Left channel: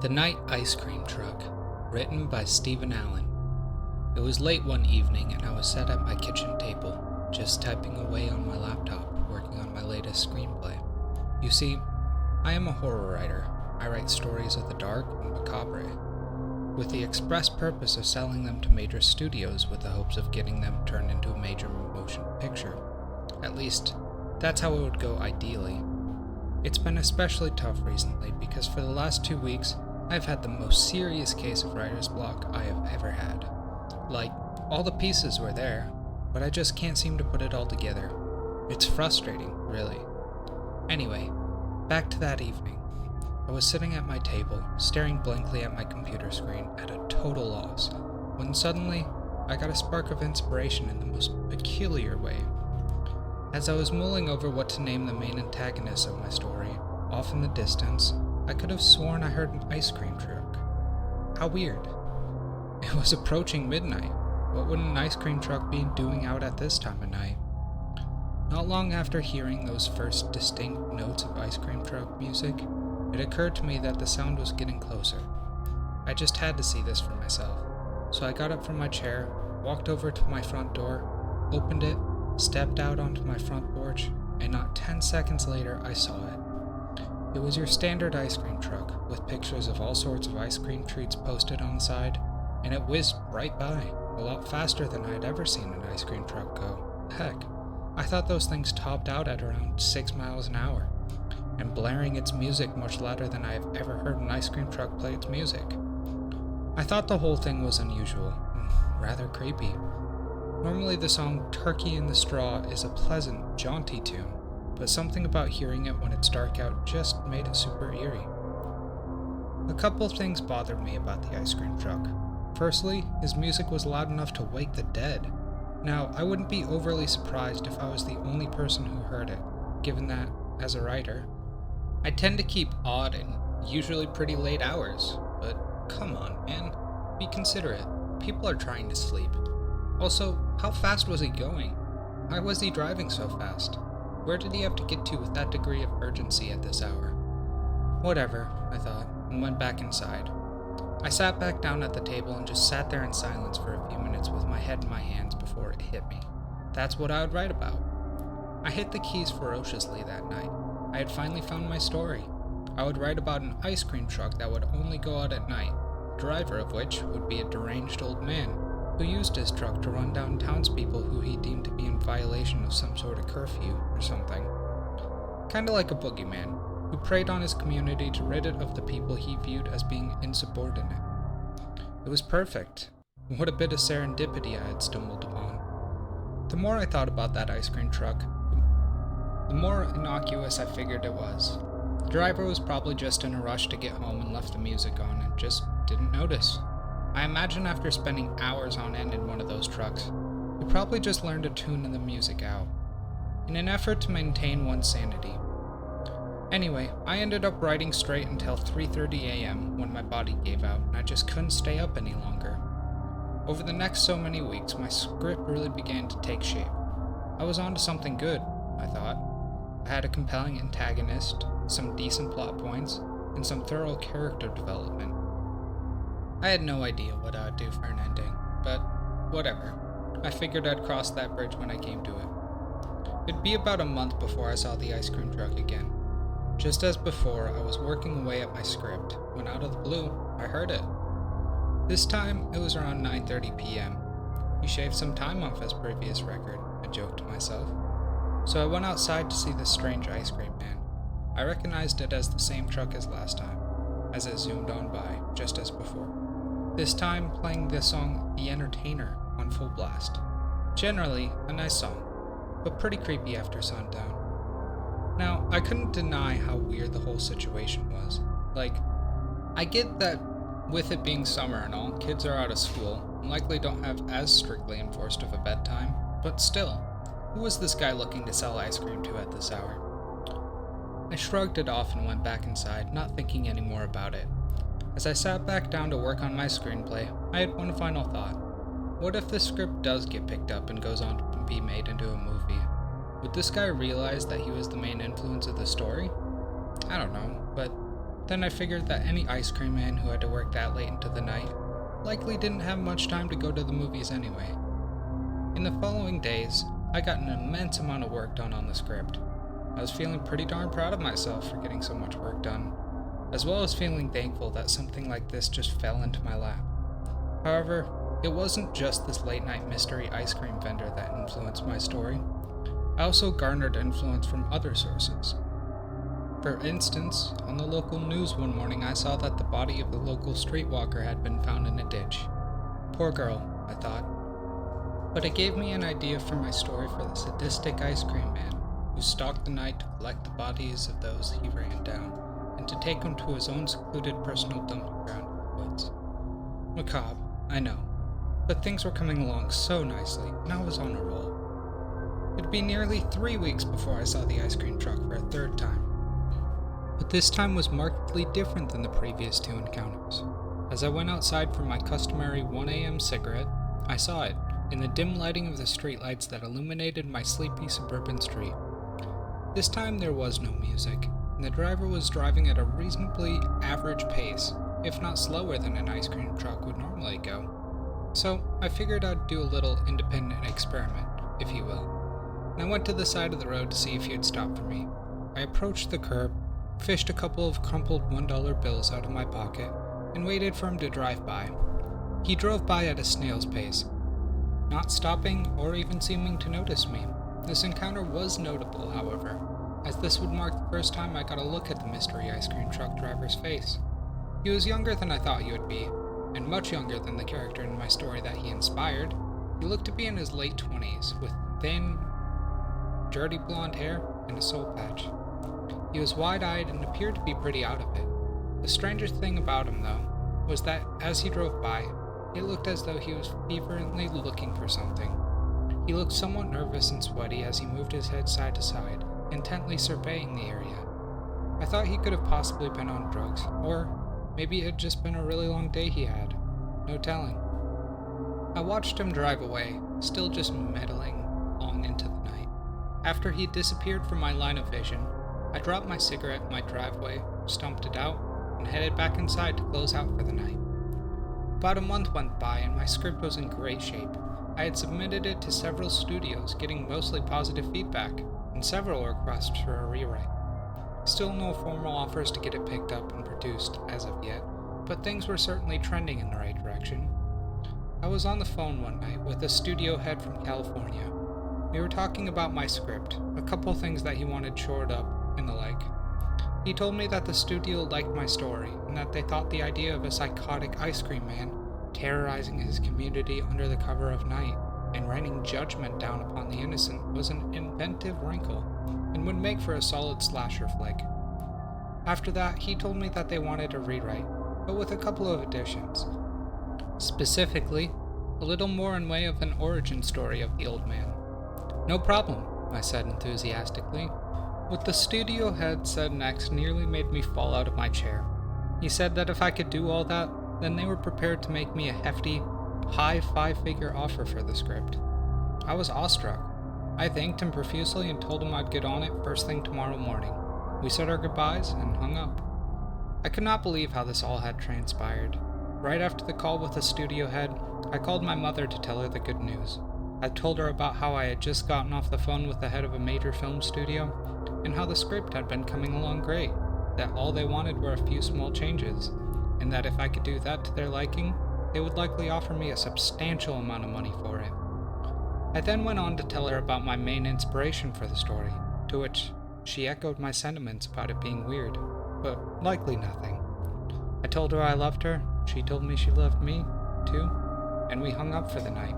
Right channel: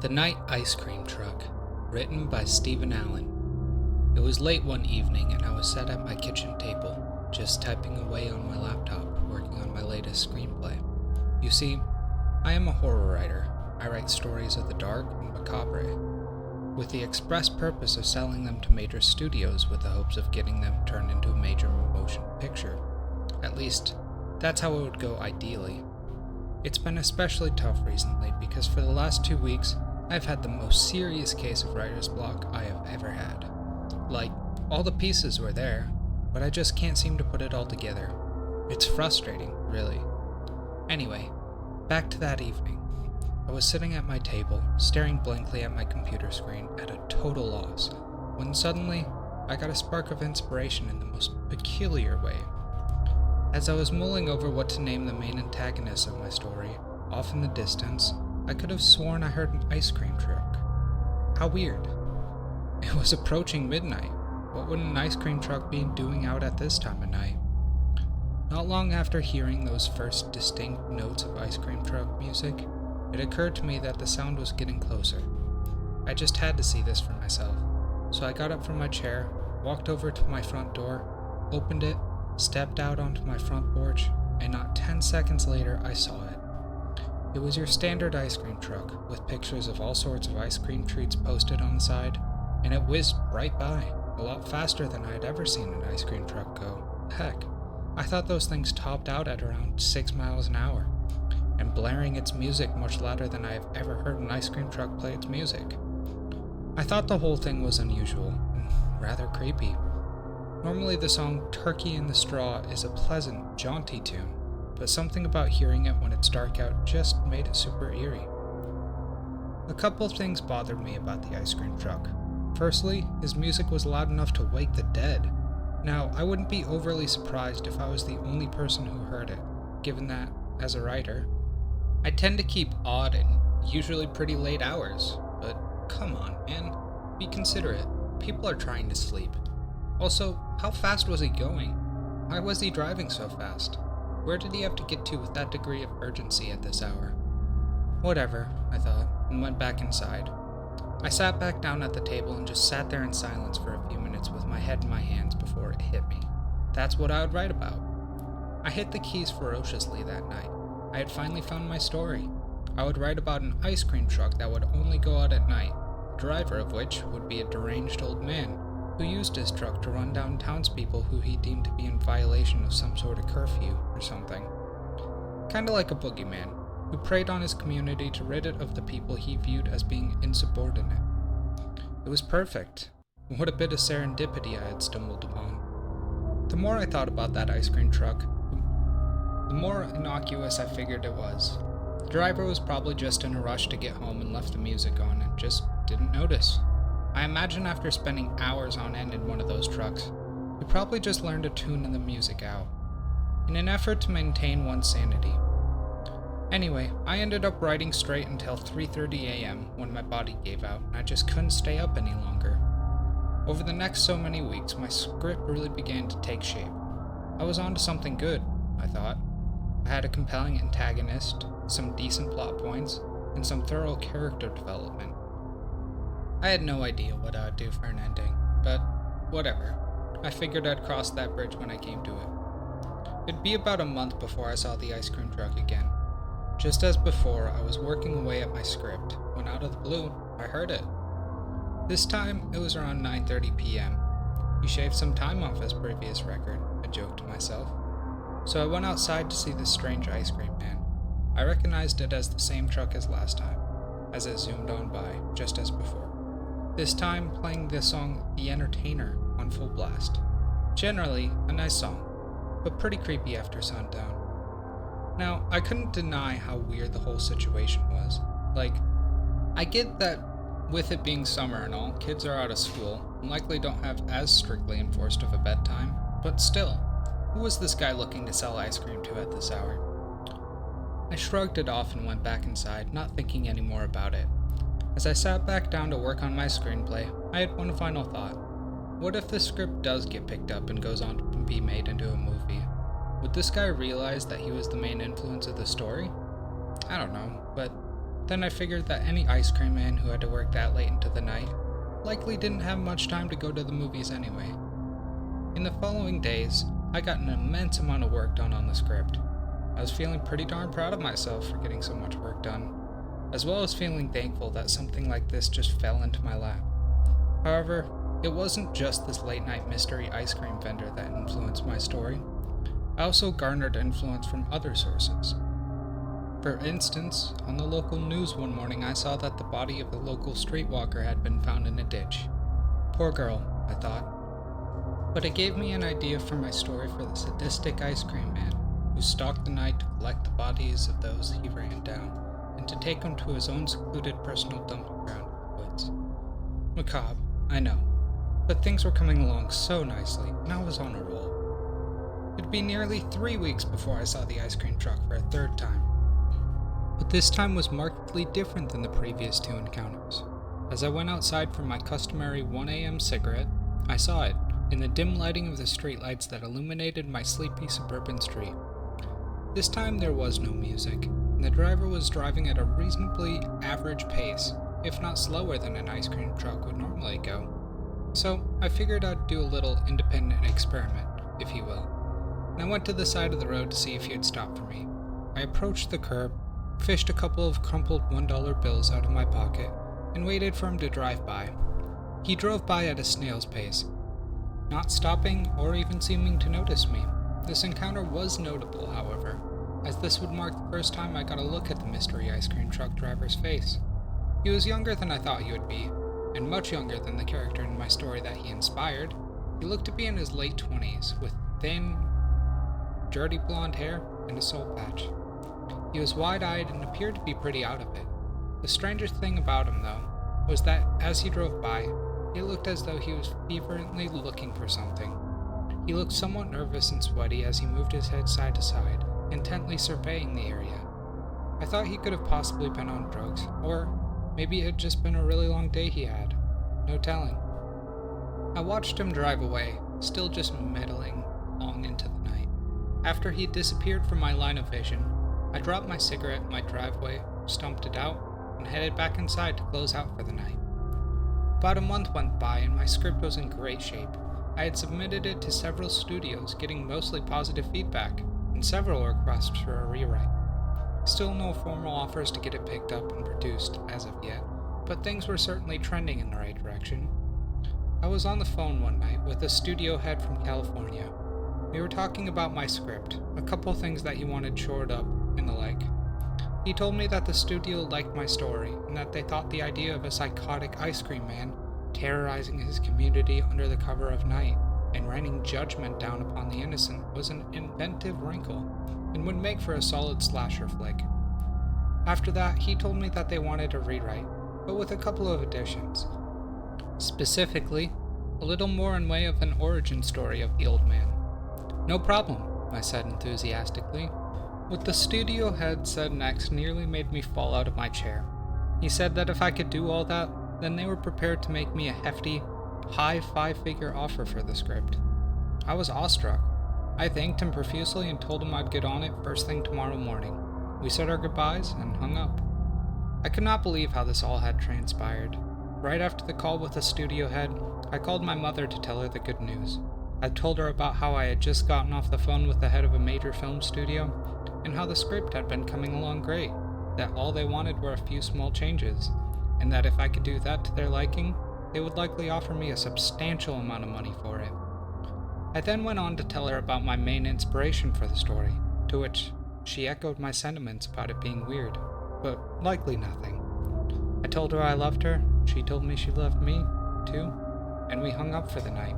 The Night Ice Cream Truck, written by Stephen Allen. It was late one evening and I was sat at my kitchen table, just typing away on my laptop, working on my latest screenplay. You see, I am a horror writer. I write stories of the dark and macabre, with the express purpose of selling them to major studios with the hopes of getting them turned into a major motion picture. At least, that's how it would go ideally. It's been especially tough recently because for the last 2 weeks, I've had the most serious case of writer's block I have ever had. Like, all the pieces were there, but I just can't seem to put it all together. It's frustrating, really. Anyway, back to that evening. I was sitting at my table, staring blankly at my computer screen at a total loss, when suddenly, I got a spark of inspiration in the most peculiar way. As I was mulling over what to name the main antagonist of my story, off in the distance, I could have sworn I heard an ice cream truck. How weird. It was approaching midnight. What would an ice cream truck be doing out at this time of night? Not long after hearing those first distinct notes of ice cream truck music, it occurred to me that the sound was getting closer. I just had to see this for myself. So I got up from my chair, walked over to my front door, opened it, stepped out onto my front porch, and not 10 seconds later I saw it. It was your standard ice cream truck, with pictures of all sorts of ice cream treats posted on the side, and it whizzed right by, a lot faster than I had ever seen an ice cream truck go. Heck, I thought those things topped out at around 6 miles an hour, and blaring its music much louder than I have ever heard an ice cream truck play its music. I thought the whole thing was unusual, and rather creepy. Normally the song Turkey in the Straw is a pleasant, jaunty tune, but something about hearing it when it's dark out just made it super eerie. A couple of things bothered me about the ice cream truck. Firstly, his music was loud enough to wake the dead. Now, I wouldn't be overly surprised if I was the only person who heard it, given that, as a writer, I tend to keep odd and usually pretty late hours, but come on, man, be considerate. People are trying to sleep. Also, how fast was he going? Why was he driving so fast? Where did he have to get to with that degree of urgency at this hour? Whatever, I thought, and went back inside. I sat back down at the table and just sat there in silence for a few minutes with my head in my hands before it hit me. That's what I would write about. I hit the keys ferociously that night. I had finally found my story. I would write about an ice cream truck that would only go out at night, the driver of which would be a deranged old man who used his truck to run down townspeople who he deemed to be in violation of some sort of curfew or something. Kinda like a boogeyman, who preyed on his community to rid it of the people he viewed as being insubordinate. It was perfect. What a bit of serendipity I had stumbled upon. The more I thought about that ice cream truck, the more innocuous I figured it was. The driver was probably just in a rush to get home and left the music on and just didn't notice. I imagine after spending hours on end in one of those trucks, he probably just learned to tune the music out, in an effort to maintain one's sanity. Anyway, I ended up writing straight until 3:30 a.m. when my body gave out and I just couldn't stay up any longer. Over the next so many weeks, my script really began to take shape. I was onto something good, I thought. I had a compelling antagonist, some decent plot points, and some thorough character development. I had no idea what I would do for an ending, but whatever. I figured I'd cross that bridge when I came to it. It'd be about a month before I saw the ice cream truck again. Just as before, I was working away at my script, when out of the blue, I heard it. This time, it was around 9:30 p.m. He shaved some time off his previous record, I joked to myself. So I went outside to see this strange ice cream man. I recognized it as the same truck as last time, as it zoomed on by, just as before. This time playing the song The Entertainer on full blast. Generally, a nice song, but pretty creepy after sundown. Now, I couldn't deny how weird the whole situation was. Like, I get that with it being summer and all, kids are out of school and likely don't have as strictly enforced of a bedtime, but still, who was this guy looking to sell ice cream to at this hour? I shrugged it off and went back inside, not thinking any more about it. As I sat back down to work on my screenplay, I had one final thought. What if the script does get picked up and goes on to be made into a movie? Would this guy realize that he was the main influence of the story? I don't know, but Then I figured that any ice cream man who had to work that late into the night likely didn't have much time to go to the movies anyway. In the following days, I got an immense amount of work done on the script. I was feeling pretty darn proud of myself for getting so much work done, as well as feeling thankful that something like this just fell into my lap. However, it wasn't just this late-night mystery ice cream vendor that influenced my story. I also garnered influence from other sources. For instance, on the local news one morning I saw that the body of the local streetwalker had been found in a ditch. Poor girl, I thought. But it gave me an idea for my story for the sadistic ice cream man who stalked the night to collect the bodies of those he ran down and to take them to his own secluded personal dumping ground in the woods. Macabre, I know, but things were coming along so nicely, and I was on a roll. It'd be nearly 3 weeks before I saw the ice cream truck for a third time. But this time was markedly different than the previous 2 encounters. As I went outside for my customary 1 a.m. cigarette, I saw it, in the dim lighting of the streetlights that illuminated my sleepy suburban street. This time there was no music, and the driver was driving at a reasonably average pace, if not slower than an ice cream truck would normally go. So I figured I'd do a little independent experiment, if you will. And I went to the side of the road to see if he'd stop for me. I approached the curb, fished a couple of crumpled $1 bills out of my pocket, and waited for him to drive by. He drove by at a snail's pace, not stopping or even seeming to notice me. This encounter was notable, however, as this would mark the first time I got a look at the mystery ice cream truck driver's face. He was younger than I thought he would be, and much younger than the character in my story that he inspired. He looked to be in his late 20s, with thin, dirty blonde hair and a soul patch. He was wide-eyed and appeared to be pretty out of it. The strangest thing about him, though, was that as he drove by, it looked as though he was fervently looking for something. He looked somewhat nervous and sweaty as he moved his head side to side, intently surveying the area. I thought he could have possibly been on drugs, or maybe it had just been a really long day he had. No telling. I watched him drive away, still just meddling long into the night. After he disappeared from my line of vision, I dropped my cigarette in my driveway, stumped it out, and headed back inside to close out for the night. About a month went by and my script was in great shape. I had submitted it to several studios, getting mostly positive feedback, and several requests for a rewrite. Still no formal offers to get it picked up and produced as of yet, but things were certainly trending in the right direction. I was on the phone one night with a studio head from California. We were talking about my script, a couple things that he wanted shored up, and the like. He told me that the studio liked my story, and that they thought the idea of a psychotic ice cream man terrorizing his community under the cover of night and raining judgment down upon the innocent was an inventive wrinkle, and would make for a solid slasher flick. After that, he told me that they wanted a rewrite, but with a couple of additions. Specifically, a little more in way of an origin story of the old man. No problem, I said enthusiastically. What the studio head said next nearly made me fall out of my chair. He said that if I could do all that, then they were prepared to make me a hefty, high 5-figure offer for the script. I was awestruck. I thanked him profusely and told him I'd get on it first thing tomorrow morning. We said our goodbyes and hung up. I could not believe how this all had transpired. Right after the call with the studio head, I called my mother to tell her the good news. I told her about how I had just gotten off the phone with the head of a major film studio, and how the script had been coming along great, that all they wanted were a few small changes, and that if I could do that to their liking, they would likely offer me a substantial amount of money for it. I then went on to tell her about my main inspiration for the story, to which she echoed my sentiments about it being weird, but likely nothing. I told her I loved her, she told me she loved me, too, and we hung up for the night.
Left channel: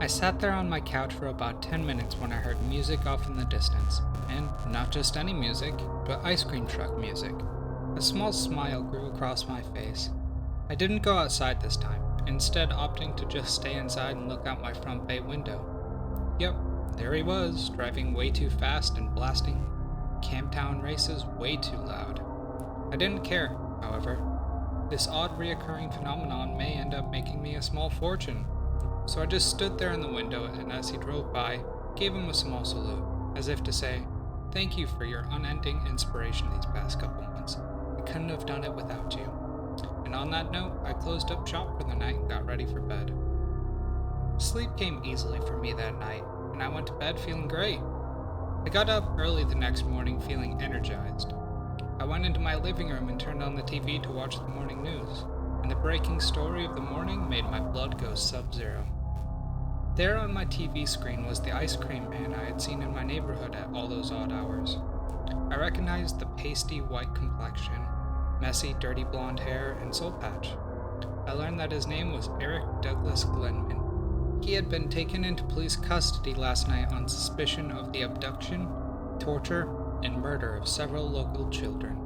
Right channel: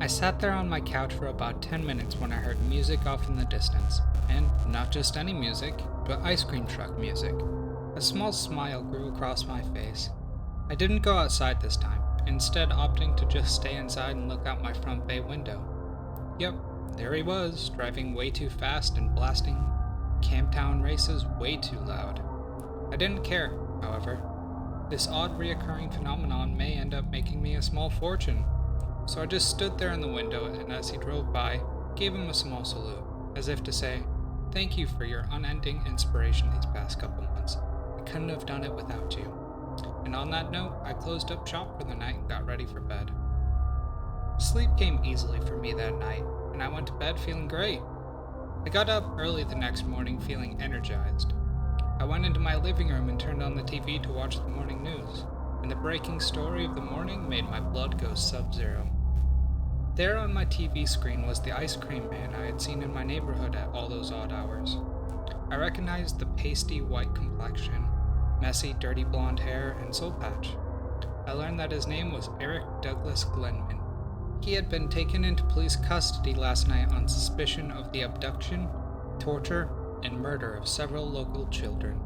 I sat there on my couch for about 10 minutes when I heard music off in the distance, and not just any music, but ice cream truck music. A small smile grew across my face. I didn't go outside this time, instead opting to just stay inside and look out my front bay window. Yep, there he was, driving way too fast and blasting Camptown races way too loud. I didn't care, however. This odd reoccurring phenomenon may end up making me a small fortune. So I just stood there in the window, and as he drove by, gave him a small salute, as if to say, "Thank you for your unending inspiration these past couple months. I couldn't have done it without you. And on that note, I closed up shop for the night and got ready for bed. Sleep came easily for me that night, and I went to bed feeling great. I got up early the next morning feeling energized. I went into my living room and turned on the TV to watch the morning news, and the breaking story of the morning made my blood go sub-zero. There on my TV screen was the ice cream man I had seen in my neighborhood at all those odd hours. I recognized the pasty white complexion, messy dirty blonde hair, and soul patch. I learned that his name was Eric Douglas Glenman. He had been taken into police custody last night on suspicion of the abduction, torture, and murder of several local children.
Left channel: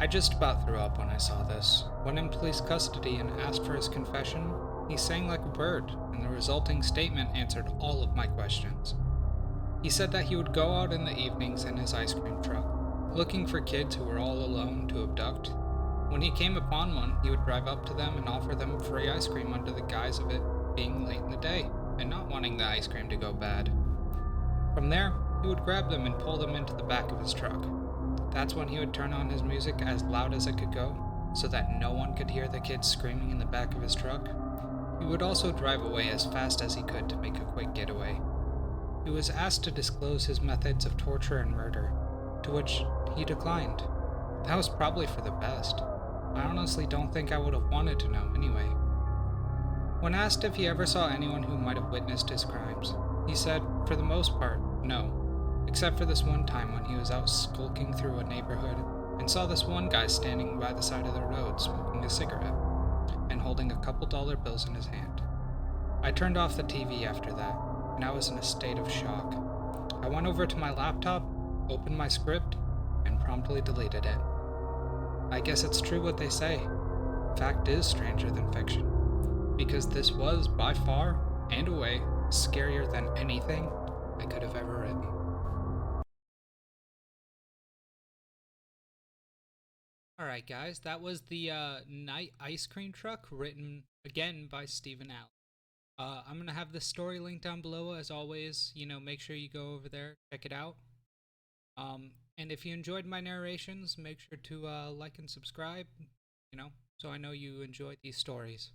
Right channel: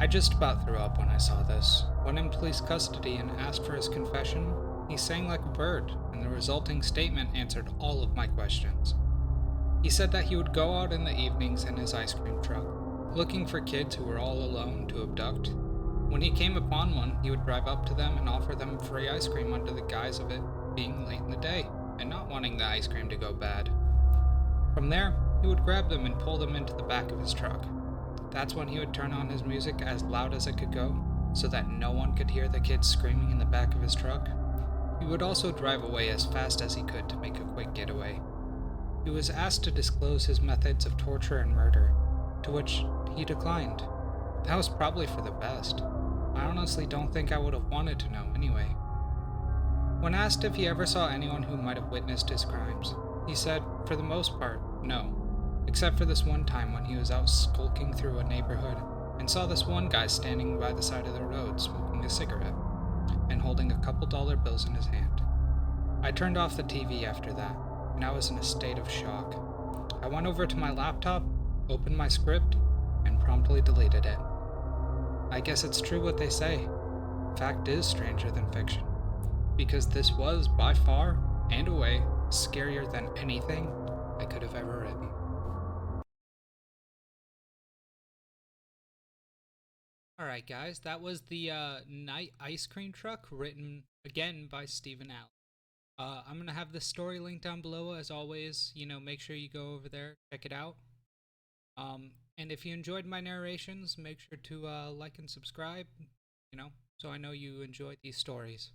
I just about threw up when I saw this. When in police custody and asked for his confession, he sang like a bird, and the resulting statement answered all of my questions. He said that he would go out in the evenings in his ice cream truck, looking for kids who were all alone to abduct. When he came upon one, he would drive up to them and offer them free ice cream under the guise of it being late in the day, and not wanting the ice cream to go bad. From there, he would grab them and pull them into the back of his truck. That's when he would turn on his music as loud as it could go, so that no one could hear the kids screaming in the back of his truck. He would also drive away as fast as he could to make a quick getaway. He was asked to disclose his methods of torture and murder, to which he declined. That was probably for the best. I honestly don't think I would have wanted to know anyway. When asked if he ever saw anyone who might have witnessed his crimes, he said, for the most part, no, except for this one time when he was out skulking through a neighborhood and saw this one guy standing by the side of the road smoking a cigarette and holding a couple dollar bills in his hand. I turned off the TV after that, and I was in a state of shock. I went over to my laptop, opened my script, and promptly deleted it. I guess it's true what they say. Fact is stranger than fiction. Because this was, by far and away, scarier than anything I could have ever written. Alright, guys, that was the Night Ice Cream Truck, written again by Stephen Allen. I'm going to have the story linked down below, as always. Make sure you go over there, check it out. And if you enjoyed my narrations, make sure to like and subscribe, so I know you enjoyed these stories.